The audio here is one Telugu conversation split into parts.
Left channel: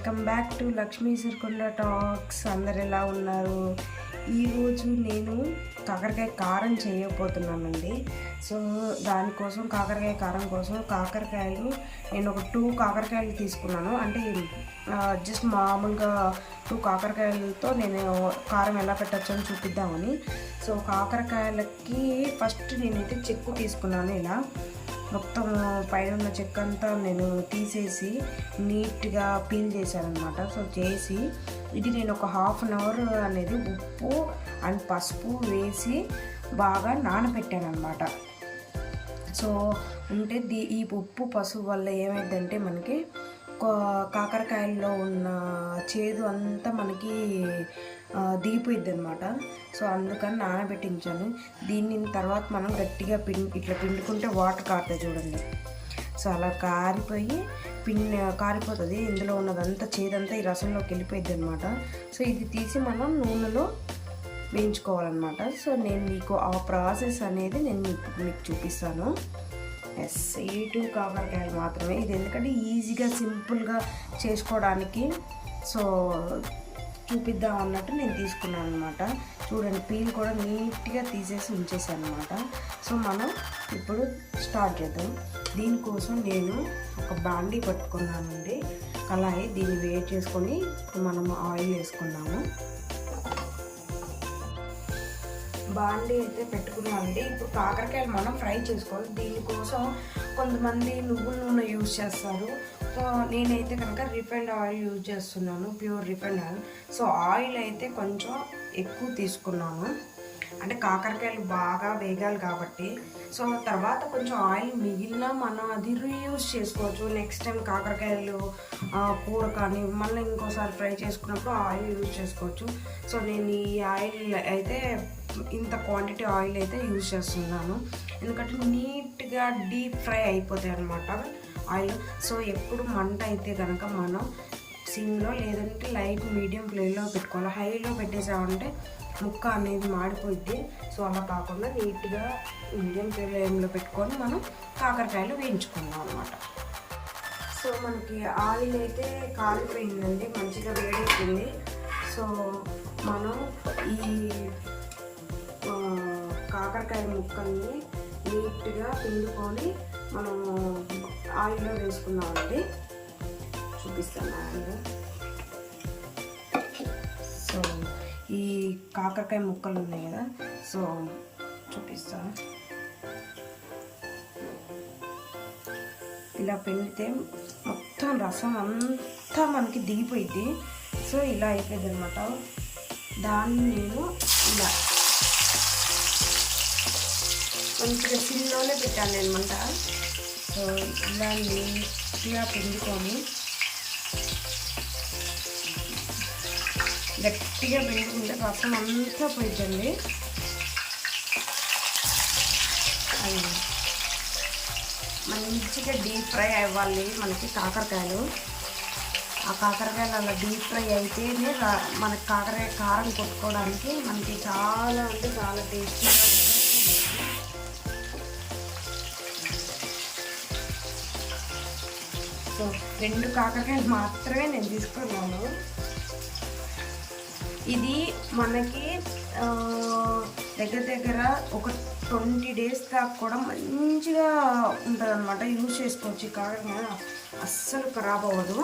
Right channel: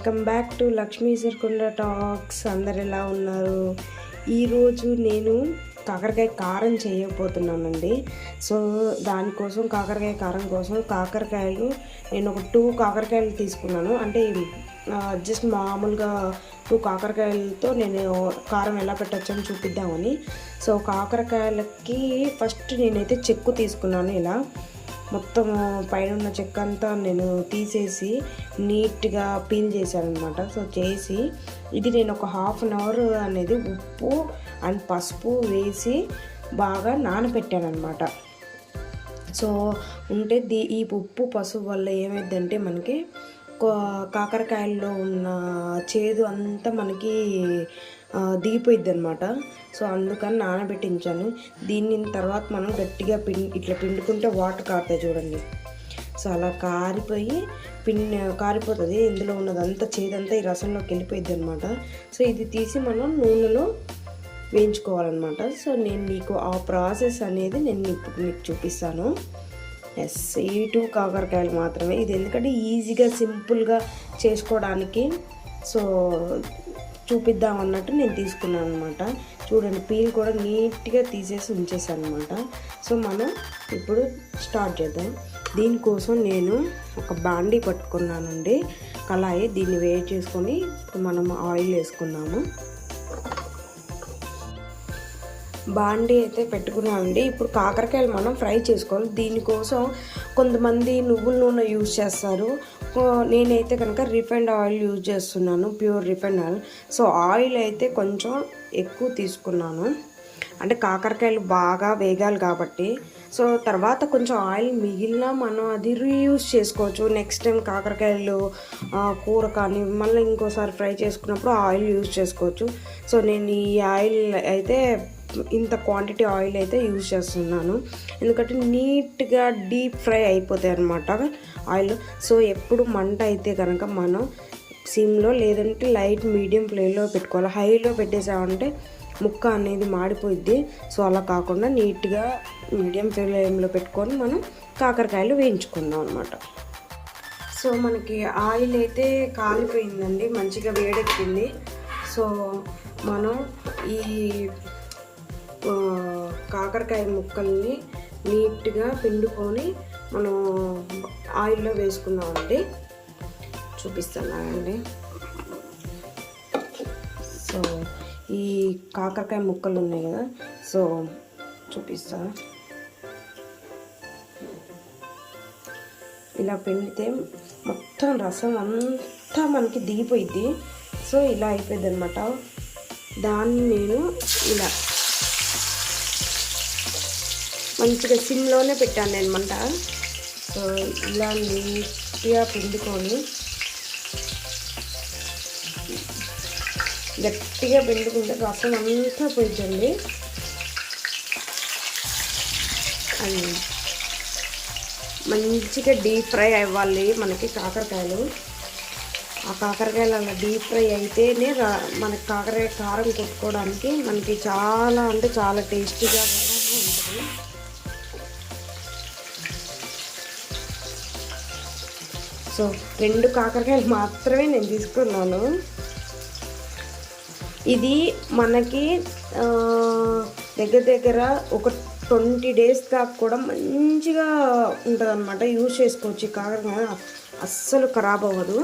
Welcome back to Lakshmi Sirkonda talks. అందరు ఎలా ఉన్నారు? ఈరోజు నేను కాకరకాయ కారం చేయబోతున్నానండి. సో దానికోసం కాకరకాయ కారం కోసం కాకరకాయలు నేను ఒక టూ కాకరకాయలు తీసుకున్నాను. అంటే జస్ట్ మామూలుగా టూ కాకరకాయలతో నేను కారం ఎలా పెట్టచ్చు అని చూపిద్దామని. సో కాకరకాయలకి ఫస్ట్ నేనైతే చెక్కు తీసుకున్నాను ఇలా. మొత్తం పైన ఉన్న చెక్క అంతా నేను తీసేసి నీట్గా పీల్ చేశాను అనమాట సో చేసి ఇది నేను ఒక హాఫ్ అన్ అవర్ అనేది ఉప్పు అండ్ పసుపు వేసి బాగా నానబెట్టాను అనమాట సో ఉంటే దీ ఈ ఉప్పు పసుపు వల్ల ఏమైందంటే మనకి కాకరకాయల్లో ఉన్న చేదు అంతా మనకి దిగిపోయిద్ది అనమాట సో అందుకని నానబెట్టించాను. దీన్ని తర్వాత మనం గట్టిగా పిం ఇట్లా పిండుకుంటే వాటర్ కారుతాయి చూడండి. సో అలా కారిపోయి పిన్ కారిపోతుంది. ఇందులో ఉన్నదంతా చేదంతా ఈ రసంలోకి వెళ్ళిపోయింది అనమాట సో ఇది తీసి మనం నూనెలో వేయించుకోవాలన్నమాట. సో నేను మీకు ఆ ప్రాసెస్ అనేది నేను ఇప్పుడు మీకు చూపిస్తాను. ఎస్ ఈ టూ కాకరకాయలు మాత్రమే. ఇది ఎందుకంటే ఈజీగా సింపుల్గా చేసుకోవడానికి. సో చూపిద్దాం అన్నట్టు నేను తీసుకున్నాను అనమాట చూడండి పీల్ కూడా నీట్గా తీసేసి ఉంచేసాను అనమాట సో మనం ఇప్పుడు స్టార్ట్ చేద్దాం. దీనికోసం నేను ఒక బాండీ పట్టుకున్నానండి. కళాయి దీన్ని వేడి చేసుకొని మనం ఆయిల్ వేసుకున్నాము బాండీ అయితే పెట్టుకున్నామండి. ఇప్పుడు కాకరకాయలు మనం ఫ్రై చేసుకోవాలి. దీనికోసం కొంతమంది నువ్వుల నూనె యూజ్ చేస్తారు. నేనైతే కనుక రిఫైండ్ ఆయిల్ యూజ్ చేస్తున్నాను pure refined oil. So oil అయితే కొంచెం ఎక్కువ తీసుకున్నాను. అంటే కాకరకాయలు బాగా వేగాలి కాబట్టి. సో తర్వాత కొంచెం ఆయిల్ మిగిలిన మనం అది రీయూజ్ చేసుకోవచ్చు. నెక్స్ట్ టైం కాకరకాయలు కూర కానీ మళ్ళీ ఇంకోసారి ఫ్రై చేసుకున్నప్పుడు ఆయిల్ యూజ్ చేసుకోవచ్చు. సో నేను ఈ ఆయిల్ అయితే ఇంత క్వాంటిటీ ఆయిల్ అయితే యూజ్ చేస్తున్నాను. ఎందుకంటే నీట్గా డీప్ ఫ్రై అయిపోతాయి అనమాట ఆయిల్. సో ఎప్పుడు మంట అయితే కనుక మనం సిమ్లో లేదంటే లైట్ మీడియం ఫ్లేమ్లో పెట్టుకోవాలి. హైలో పెట్టేసామంటే ముక్క అనేది మాడిపోద్ది సో అలా కాకుండా నీట్గా మీడియం ఫ్లేమ్లో పెట్టుకొని మనం కాకరకాయలు వేయించుకుందాం అనమాట సో మనకి ఆయిల్ అయితే కాలిపోయిందండి. మంచిగా వేడెక్కింది. సో మనం ఈ కాకరకాయ ముక్కల్ని నీట్గా పిండుకొని మనం ఆయిల్లో వేసుకున్నామండి చూపిస్తున్నానండి సో ఈ కాకరకాయ ముక్కలు ఉన్నాయి కదా సో చూపిస్తా. ఇలా పిండితే మొత్తం రసం అంతా మనకి దిగిపోయింది సో ఇలా అయిపోయింది అనమాట దాన్ని నేను ఇలా మంచిగా సిమ్లోనే పెట్టాను అనమాట ఇలా నీట్గా పిండుకొని గట్టిగా పిండుకుంటే రసం అంతా పోయిందండి మంచిగా డీప్ ఫ్రై అవ్వాలి మనకి కాకరకాయలు. ఆ కాకరకాయలు అలా డీప్ ఫ్రై అయితేనే మనకి కాకరకాయ కారం కొట్టుకోవడానికి మనకి చాలా అంటే చాలా టేస్టీగా సో రెండు కాకరకాయలు మాత్రమే నేను తీసుకున్నాను. ఇది మనకి దగ్గర దగ్గర ఒక ట్వంటీ డేస్ దాకా కూడా మంచిగా ఉంటుంది అనమాట యూజ్ చేసుకోవచ్చు ఈ కాకరకాయ. అస్సలు ఖరాబ్ అవ్వదు.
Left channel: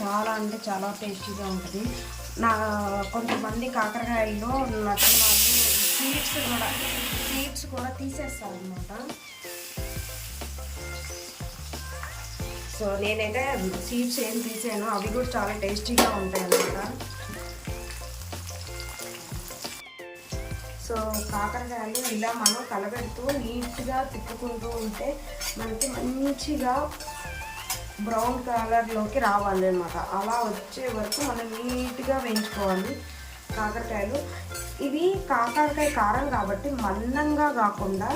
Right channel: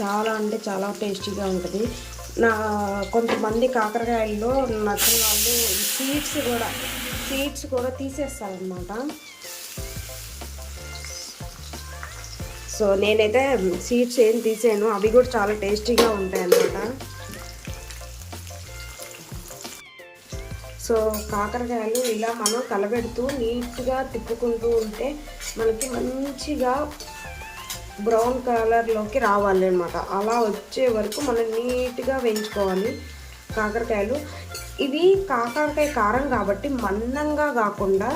చాలా అంటే చాలా టేస్టీగా ఉంటుంది. నా కొంతమంది కాకరకాయల్లో నచ్చిన వాళ్ళు సీడ్స్ కూడా సీడ్స్ కూడా తీసేస్తారనమాట సో నేనైతే సీడ్స్ ఏం తీసాను అవి కూడా చాలా టేస్టీగా ఉంటాయన్నమాట. సో కాకరకాయలు ఇలా మనం కలబెడుతూ నీట్గా తిప్పుకుంటూ ఉంటే మనకి మంచిగా బ్రౌన్ కలర్లోకి రావాలి అనమాట అలా వచ్చే వరకు మనం నీట్గా వేయించుకోవాలి. కాకరకాయలు. ఇవి కాకరకాయ కారం కాబట్టి మందంగా కాకుండా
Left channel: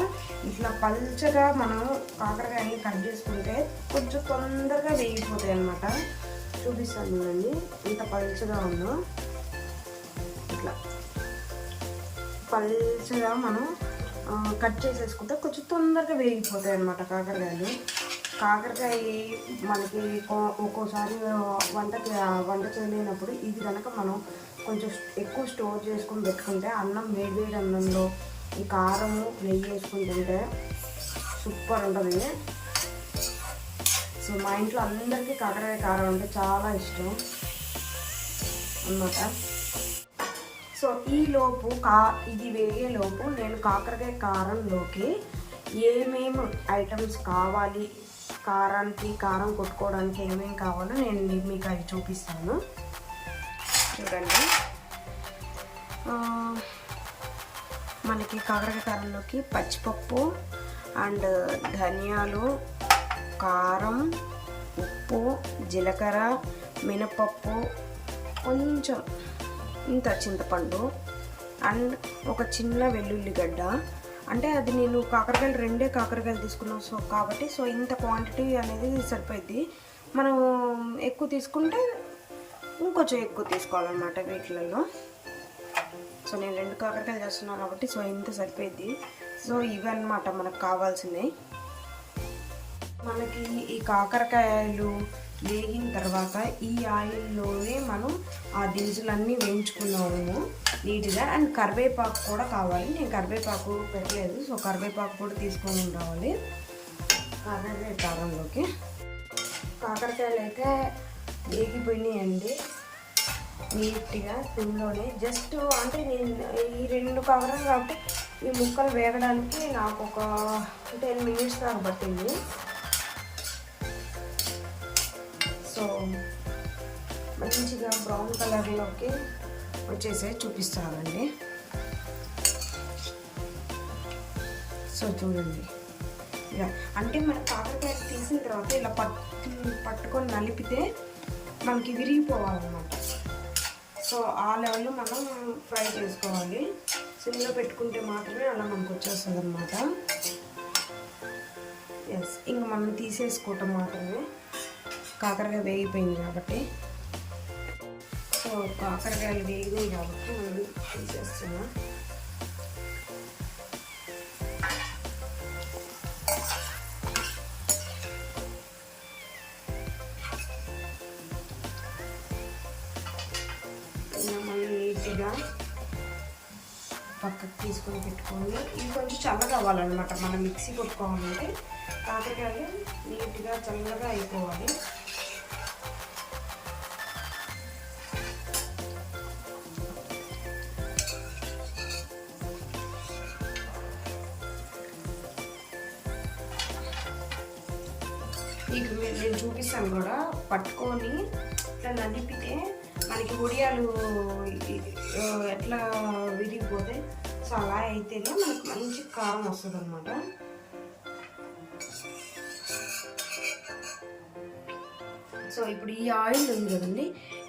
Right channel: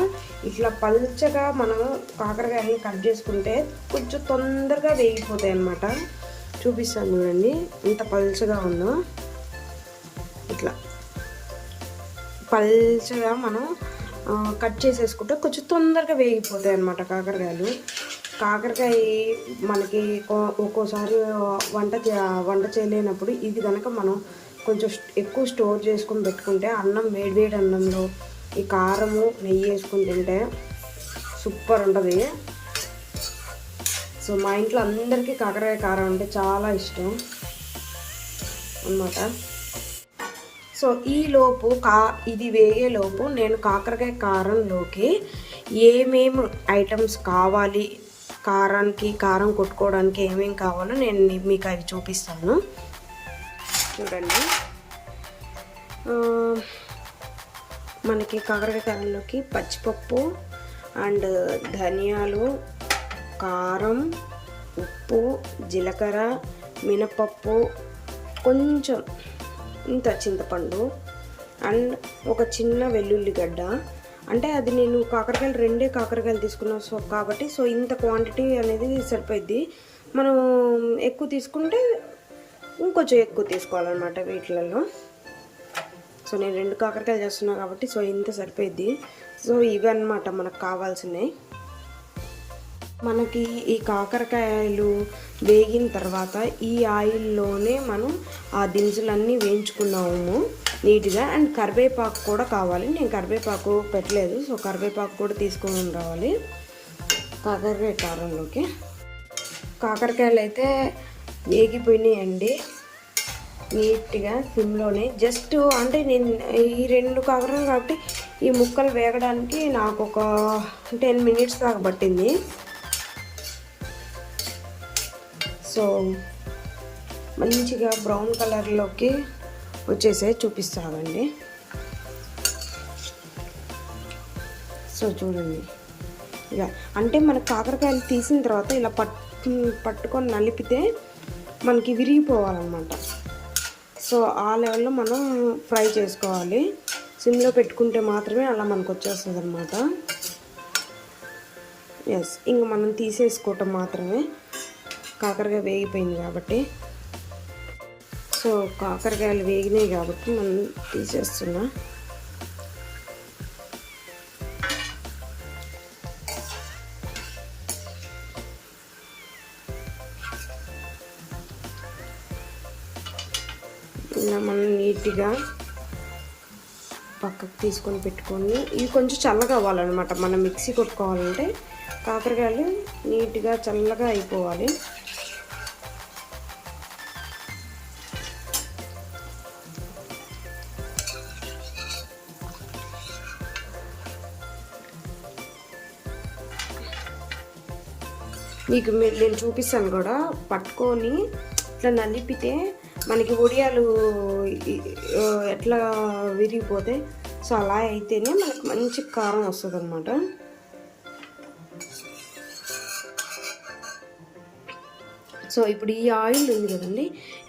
ఇట్లా పల్చగా మనం కాకరకాయని కట్ చేసుకుంటే కొంచెం తొందరగా వేగిపోతాయి అన్నమాట. చూపిస్తాను చూడండి. ఎంత పల్చగా ఉందో ఇట్లా పల్చగా మనం కట్ చేసేసుకుంటే కొంచెం తొందరగా వేగిపోతాయి అన్నమాట కాకరకాయలు. కాకరకాయ మనకి ఒక్కోసారి వంట వంట చేయలేనప్పుడు ఇది కనుక మనం కొంచెం ఎక్కువ స్టోర్ చేసుకొని పెట్టుకుంటే అన్నం వేడివేడి అన్నంలో ఈ కారము నెయ్యి వేసుకుని తింటే సూపర్ ఉంటుంది. సో మా ఇంట్లో అందరికీ కాకరకాయ కారం అంటే చాలా ఇష్టం అన్నమాట. సో ఈ లోపు కా ఇది వేయేలోపు నేను కాకరకాయ కారంలోకి ఏమేమి ఐటమ్స్ కావాలి కారానికి కారం కొట్టుకోవడానికి ఏమేమి కావాలో నేను మీకు అవి చూపిస్తాను. చూడండి. మనకి కాకరకాయ కారంలోకి పచ్చిపప్పు అండ్ ధనియాలు కారం ఉప్పు జీలకర్ర మినపప్పు కొంచెం ఇంత చింతపండు అండ్ ఒక చిన్న వెల్లుల్లిగడ్డ. అంటే అది నేను కాకరకాయలు రెండే కాకరకాయలు తీసుకున్నాను సో కాబట్టి సో ఇంత క్వాంటిటీ అనేది సరిపోద్ది మనం ఎక్కువ తీసుకుంటే ఇంకొంచెం ఎక్కువ తీసుకోవాలన్నమాట వీటిలలో. సో నేను రెండు కాకరకాయలు చేస్తున్నాను కాబట్టి సో ఇంత సరిపోద్ది సో ఇవి అన్నమాట మనకు కావాల్సినవి. మనకి ఈ కాకరకాయలు వేగిన తర్వాత ఈ ఆయిల్లోనే మనం ఆ దినుసులన్నీ వేయించుకున్నాము నీట్గా. అండ్ కరివేపాకు కూడా కావాలి. నేను కరివేపాకు పెట్టలేదు. సో కరివేపాకు కూడా తీసుకొని రావాలి. కాకరకాయ కారంలోకి. కాకరకాయలు అయితే వేగిపోయినాయండి. నీట్గా సిమ్లోనే. జస్ట్ అంటే నేను ఈ రెండు కాకరాలు కాబట్టి ఈ ముక్కలు వేగడానికి నాకు ఒక టెన్ మినిట్స్ దాకా పట్టింది. సో మంచిగా బ్రౌన్ కలర్లోకి వచ్చేసాయి చూపిస్తానండి. సో చూడండి. ఇక అంటే మన కాకరకాయలు తీసిన తర్వాత ఇలా పట్టు పట్టుకొని నలిపితే మనకి విరిగిపోవాలన్నమాట. సో ఆ లెవెల్లో మనం ఫ్రై చేసుకోవాలి. సిమ్లో పెట్టుకుంటే మాత్రమే అలా మనకు వచ్చేస్తుంది అనమాట ఎస్ ఇంకా మనం తీసేసుకోవటం మాత్రమే. కాకరకాయ వేగిపోయింది కాబట్టి. సో కాకరకాయలు వేగినాయి కాబట్టి మనం తీసేస్తున్నాం. ఇలా మనం నీట్గా. పక్కకు తీసుకొని పెట్టుకొని ఇవి కొంచెం చల్లగా అవ్వాలన్నమాట. మనం మిక్సీ కొట్టుకోవాలంటే కాకరకాయలు నీట్గా చల్లగా అయిపోవాలి. మీకు నేను చూపిస్తాను కూడా. పట్టుకొని ఇట్లా నలిపితే మనకి ఒడియాలు ఎట్లా విరిగిపోతే సో అలా అయితేనే మనకి మంచి కారం వస్తుంది అనమాట సో ఇప్పుడు ఈ ఆయిల్ ఉంది కదండి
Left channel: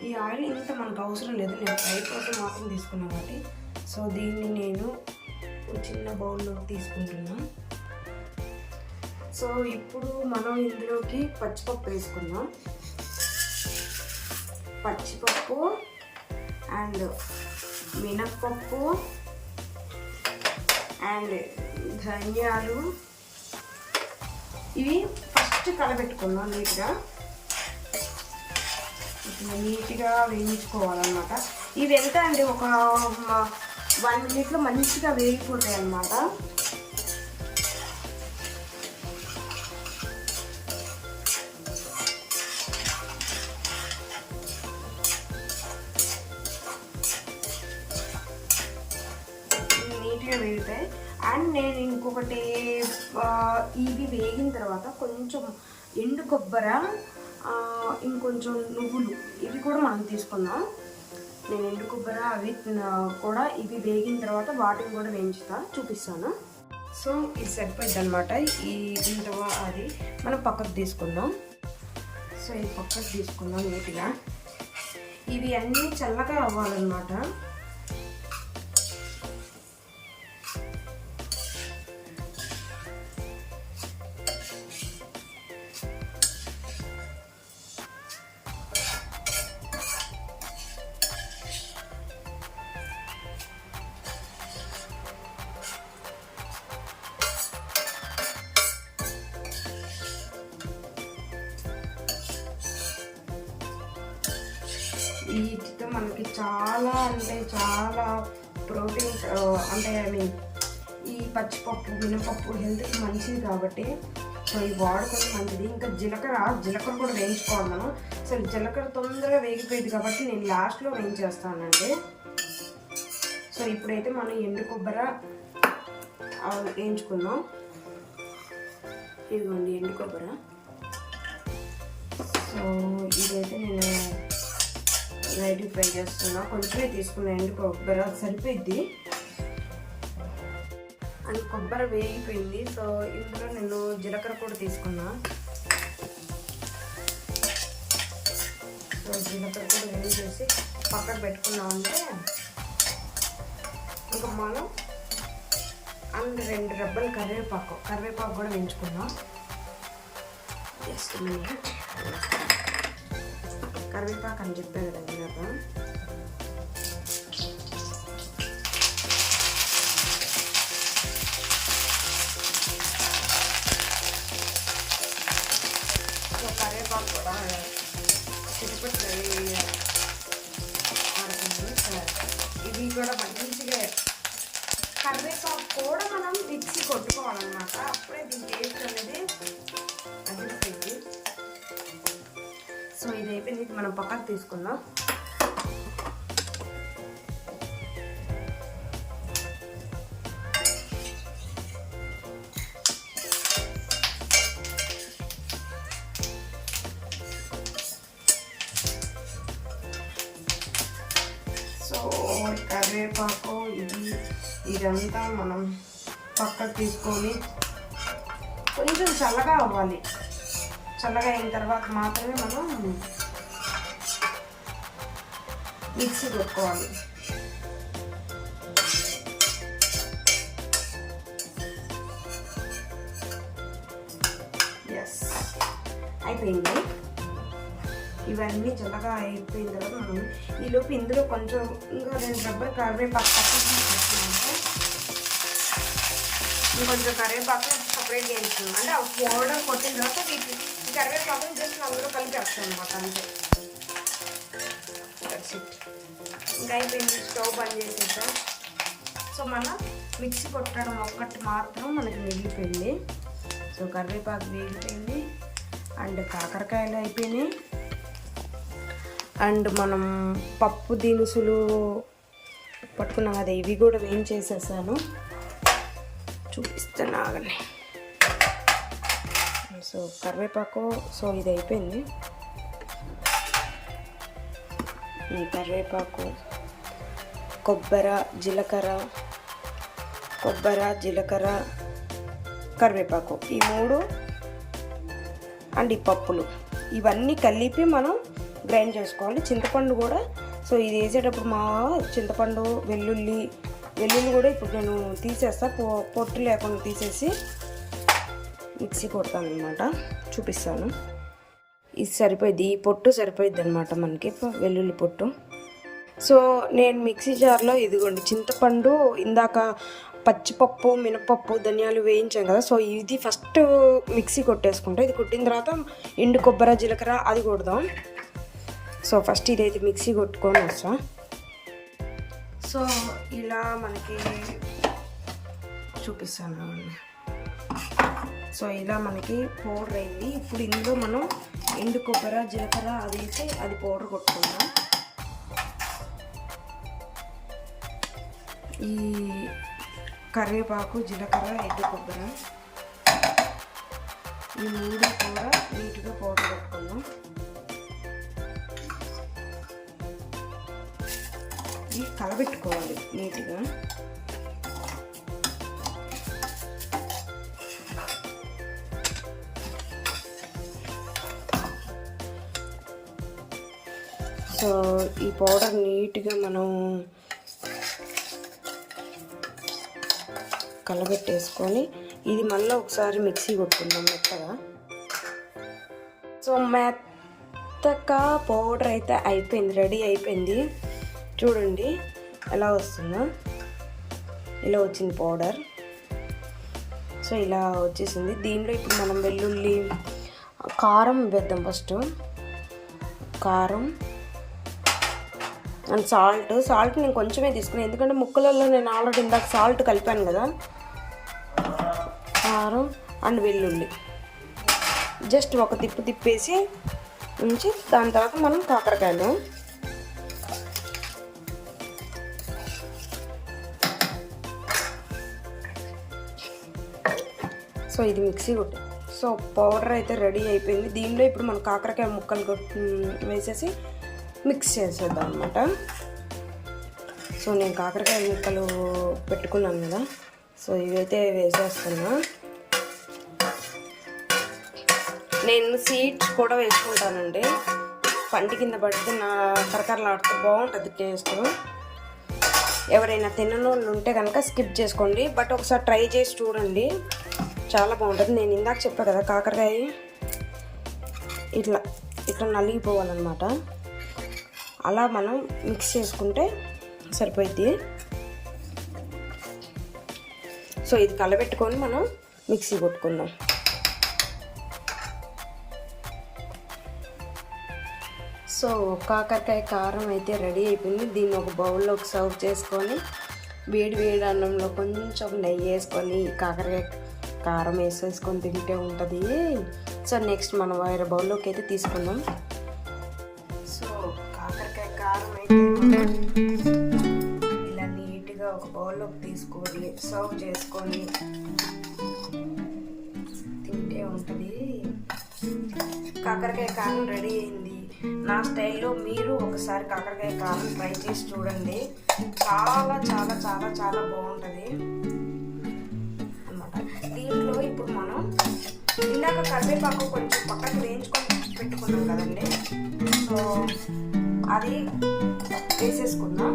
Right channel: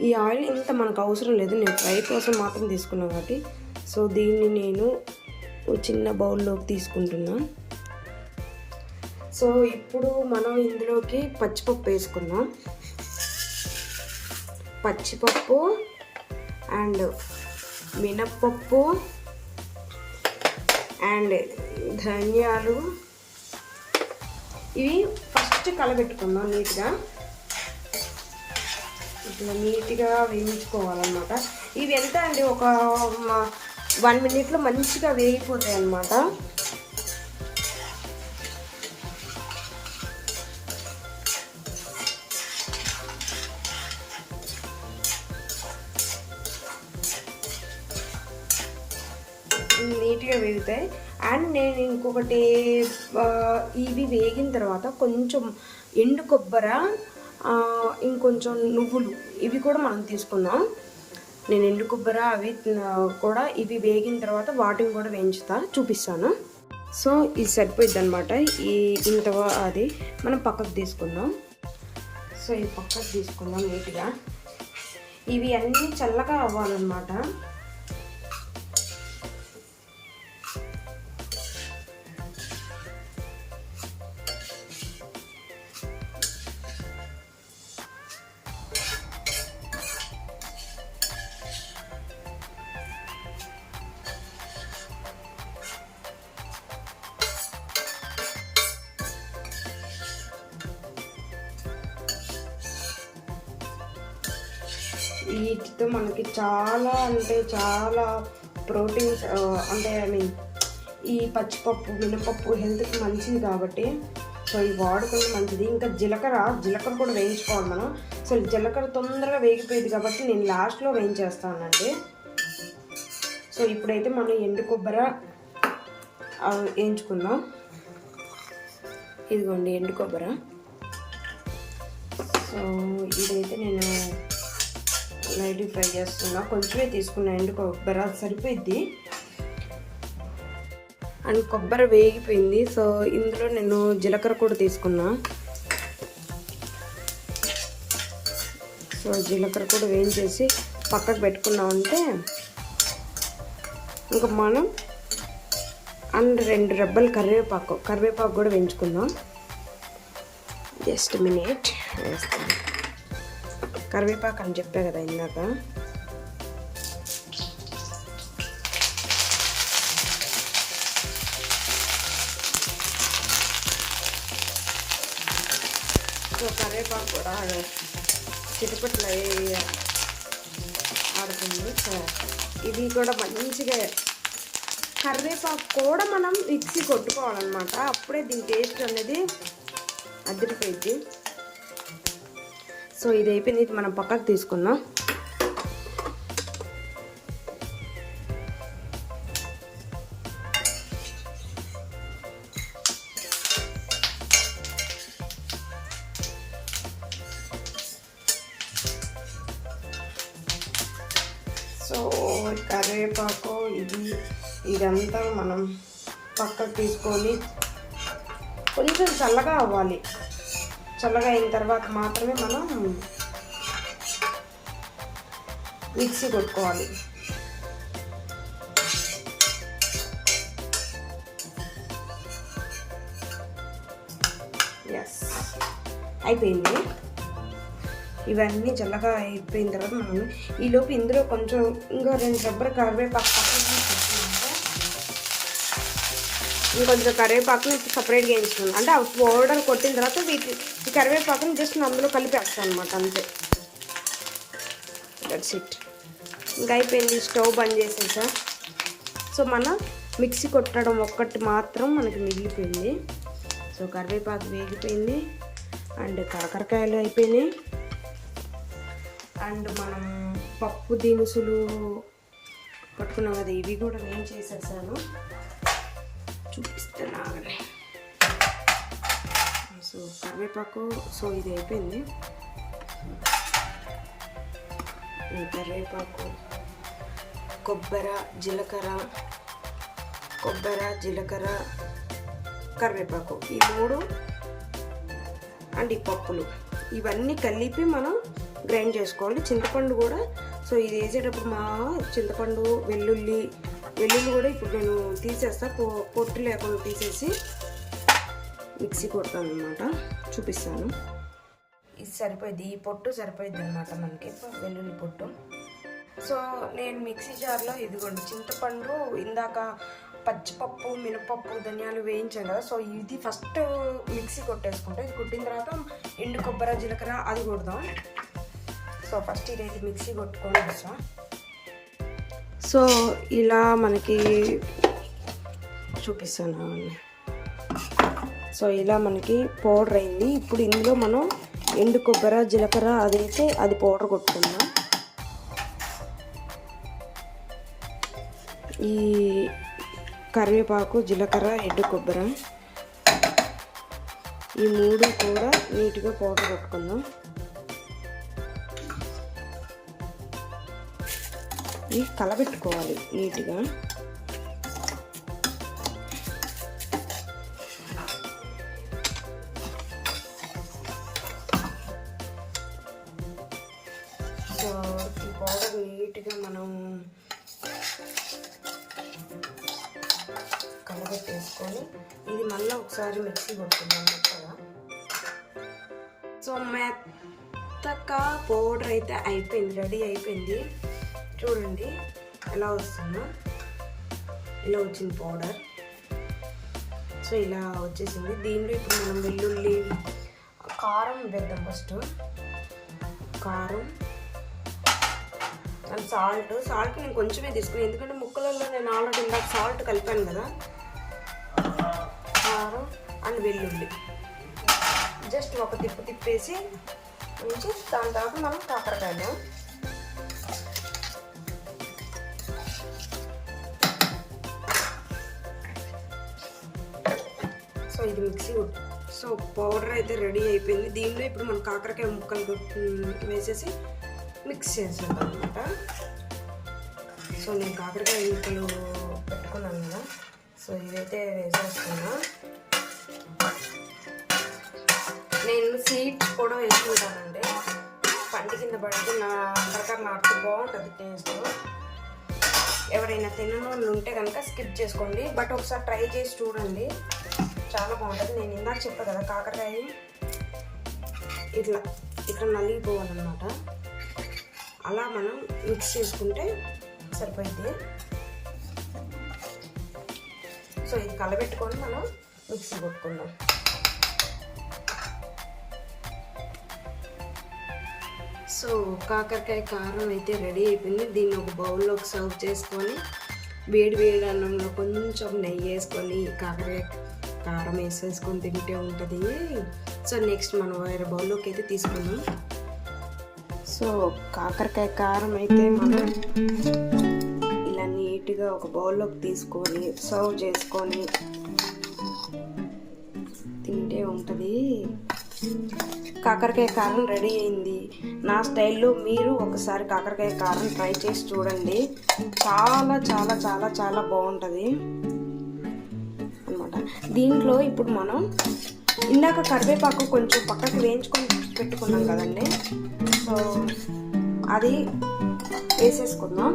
ఈ ఆయిల్ ఇంత మనకు అవసరం లేదు. నేను ఫ్రై కోసం మాత్రం తీసుకున్నాను కాబట్టి. సో దీన్ని నేను చిన్న బౌల్లోకి తీసుకుంటున్నా. సో ఇప్పుడు మనం ఇందులోకి పచ్చిపప్పు వేసుకున్నాం పచ్చిపప్పు అండ్ మినప్పప్పు అండ్ ధనియాలు. ఇవి ఫస్ట్ కలబెట్టుకుందాం నీట్గా. ఇట్లా నీట్గా వేయించుకోవాలన్నమాట. ఇవి ఎంత అండి? ఒక వన్ మినిట్లో మంచిగా వేగిపోతాయి అన్నమాట ఎండు కొబ్బర ఇంకొంచెం నువ్వులు ఇవి కూడా మనం తీసుకుందాం. నేను ఎండు కొబ్బర అవి కూడా ఇవి వేగిన తర్వాత వాటిని కూడా వేయించుతా చూపిస్తాను. సో ఇది సరిపోయింది అనమాట ఈ ఇంత అది మనం పక్కకు తీసుకుందాం. సో ఇది పక్కకు తీసుకుందాం నీట్గా. ఇవి అన్నీ చల్లగా అవ్వాలన్నమాట. వీటితో మనకి చాలా అంటే చాలా ప్రోటీన్స్ అంటే ఐ మీన్ ఈ పచ్చిపప్పు మినపప్పు హెల్త్కి మంచిది కాబట్టి సో ఇవి వాడుకోవడం మంచిది. ఇంకా జీలకర్ర జీలకర్ర కూడా వేయించుకోవాలి మనం. సో జీలకర్ర తొందరగా వేగిపోయింది కాబట్టి నేను లాస్ట్లో వేయించేస్తానండి. సో ఇప్పుడైతే మనం ఎండు కొబ్బరి వేయించుకున్నాం ఇదిగోండి ఎండు కొబ్బరి. సో ఇదైతే నేను లైట్ ఫ్రై చేస్తున్నా. కొంచెమే తీసుకున్నాయండి కొబ్బరి సరిపోయింది. అండ్ కొబ్బరి వేగిపోయింది. సో ఇందులో నేను జీలకర్ర కూడా తీసుకున్నా. సో జీలకర్ర కూడా వేయించేసి పక్కకు పెట్టుకున్నాం అంటే ఇంకా మనం అండ్ రెండు రెబ్బలు కరివేపాకు కరివేపాకు కూడా వేయించుకుందాం. Just minute. వేస్తాను కరివేపాకు అని చెప్పా కదా ఇందాక. సో కరివేపాకు కూడా చిరుపట్లు ఆడుతుంది. ఇది కూడా మంచిగా కరివేపాకు కూడా మనం మిక్సీ కొట్టుకోవాలన్నమాట. అప్పుడే దీని టేస్ట్ అనేది అదిరిపోయింది సో ఇది అయిపోయింది ఇది మనం పక్కకు తీసుకుందాం. సో కరివేపాకు ఇది ఇదంతా మనం పక్కకు తీసుకొని కొంచెం చల్లగా అవ్వాలి. తర్వాత మాత్రమే మనం మిక్సీ కొట్టుకోవాలి ఎస్ అయిపోయింది. ఇవన్నీ చల్లగా అయిపోయిన తర్వాత మనం ఈలోపు ఇందులో కొంచెం ఇంకా రెండు రబ్బర్ కరివేపాకు ఇంకొంచెం కరివేపాకు సపరేట్గా వేసుకుంది అంటే ఆ పౌడర్ కొట్టిన తర్వాత వీటి ఈ కరివేపాకుని జస్ట్ అందులో కలిపేస్తాను అనమాట అంతే. దట్స్ ఇట్ ఇంకా అయిపోయింది స్టవ్ బంద్ చేసేసా. సో మన మిక్సీ కొట్టడం ఒక్కటి మాత్రం మనకి మిగిలిపోయింది సో కరివేపాకు వేగిపోయింది అండ్ కాకరకాయలు అయిపోయినాయి. అండ్ మనం పప్పు దినుసులు పట్టుకున్నాం కదా ఇవి కూడా వేయించేసేసాను. చూపిస్తాను ఆగండి. సో కరివేపాకు సో ఇది అయిపోయింది. ఈ కరివేపాకు కొబ్బరి జీలకర్ర కొబ్బరి జీలకర్ర కరివేపాకు. ఈ మూడు అండ్ ఈ పప్పులు. ఇవన్నీ కలిపి మనం గ్రైండ్ చేసుకోవాలి. చింతపండు కూడా. సో ఇది వేసేటప్పుడు మా చింతపండు వెల్లుల్లి వెల్లుల్లి కూడా ఇప్పుడు నేను తీసేస్తా. పొ పొట్టు లేకుండా తీసేసి మిక్సీ కొడతాను అనమాట చూపిస్తాను. ఇది సరిపోయింది ఈ పొట్టు సరిపోయింది అనమాట మనకి వెల్లుల్లి పొట్టు. సో నేను మిక్సీ జార్లో ఇదిగోండి చింతపండు ఇందాక పచ్చిపప్పు మినపప్పు ధనియాలు వేయించాను కదా. సో ఇది ఫస్ట్ మిక్సీ కొట్టేసుకుంటా. ఇది కొట్టిన తర్వాత ఎండు కొబ్బరి జీలకర్ర అది కొడదాం. సో ఫస్ట్ ఇదైతే మిక్సీ కొట్టుకొని వస్తాం సో ఇలా మనకి చూపిస్తాను. అవన్నీ సో ఇలా మనకి పౌడర్ అయింది. ఇప్పుడు ఇందులో మనం ఎండు కొబ్బరి జీలకర్ర అది అది పౌడర్ కొట్టుకుందాం. ఈ కరివేపాకు జీలకర్ర ఎండు కొబ్బరి. ఈ మూడు కూడా నీట్గా పౌడర్ కొట్టుకుందాం. ఇవి కలబెట్టుకోవాలి నీట్గా. సో ఈ పౌడర్ నీట్గా మనం కలబెట్టేసుకొని ఇది మళ్ళీ ఒకసారి మిక్సీ కొట్టుకుందాం మెత్తగా. సో మెత్తగా పౌడర్ అయితే అయిపోయింది రెడీ అయిపోయింది. చూడండి ఎలా వస్తుందో. ఇలా వచ్చింది పౌడర్. సో ఇలా వచ్చేసింది. దీనిలో ఇప్పుడు మనం వెల్లుల్లి కారం వేద్దాం ఫస్ట్. కారం అండ్ సాల్ట్. సాల్ట్ నేను కొంచెమే తీసుకున్నాను ఎందుకంటే ముక్కలలో నేను ఆల్రెడీ ఇందాక సాల్ట్ కలిపాను కదా. కారం అండ్ వెల్లుల్లి. జస్ట్ ఒక తిప్పు తిప్పేసి ఉంచి దాని తర్వాత మనం కాకరకాయలు. సో ఇది మిక్సీ కొట్టు సో పౌడర్ అయితే రెడీ అయిపోయింది. దీనిలో ఇప్పుడు మనం కాకరకాయ ముక్కలు వేసేసి మిక్స్ చేసేద్దాం అనమాట సో నేను కాకరకాయ ముక్కలు పెట్టుకున్నాను కదా. సో ఇవైతే వేసేస్తున్నా. నేను సీడ్స్ కూడా వేసుకుంటానండి. పంటి కింద పడితే నా కరకరలాడుతూ బాగుంటుంది టేస్ట్. ఎవరైనా తినని ఉంటే కనుక స్కిప్ చేసుకోండి. బట్ ఒకసారి ట్రై చేసి చూడండి. చాలా బాగుంటుంది. నేను ఇందాక చెప్పా కదా కాకరకాయ ఇట్లా ఇట్లా నలిగిపోవాలన్నమాట. అలా మనం మిక్స్ చేసుకుంటే సరిపోద్ది సో ఇది కలబెట్టుకొని మనం మిక్సీ కొట్టుకుందాం. సో కాకరకాయ కారం అయితే రెడీ అయిపోయింది. దీన్ని ఒక బౌల్లోకి సర్వ్ చేసుకొని వేడి వేడి అన్నంలో కొంచెం నెయ్యి వేసుకొని కాకరకాయ కారం వేసేసుకొని తింటే ఉంటుంది. సో నెక్స్ట్ మనం వేరే బౌల్లోకి అయితే తీసుకుందాం. సో కాకరకాయ కారం అయితే మనం ఇలా నీట్గా ఒక బౌల్లోకి తీసుకొని సర్వ్ చేసుకొని తింటే ఉంటుంది. కాకరకాయ కారం రెడీ అయింది. నా స్టైల్లో మీరు ఒకసారి కాకరకాయ కారం ట్రై చేసి చూడండి. చాలా చాలా చాలా చాలా బాగుంటుంది. అనమాట దీంట్లో ఇప్పుడు మనం ఇందాక కరివేపాకు కొంచెం పక్కకు వేయించుకొని పెట్టుకున్నాం కదండి. సో అది వేసేసుకుందాం.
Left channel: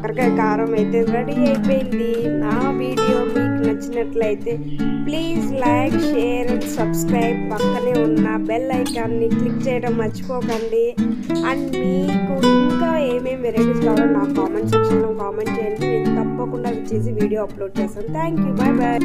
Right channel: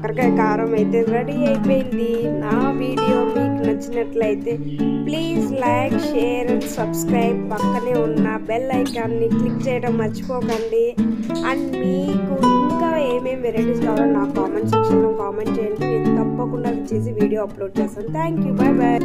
కాకరకాయ కారం అయితే రెడీ అయిపోయింది. నా వీడియో మీకు నచ్చినట్లయితే please like share and subscribe పక్కనే ఉన్న బెల్ ఐకాన్ని క్లిక్ చేయడం మర్చిపోకండి. అండ్ మీకు ఇంకా ఏమేమి వెరైటీస్ కావాలో నా కామెంట్ సెక్షన్లో కామెంట్ చేయండి. నేను తప్పకుండా చేసి వీడియో అప్లోడ్ చేస్తాను. Thank you. Bye bye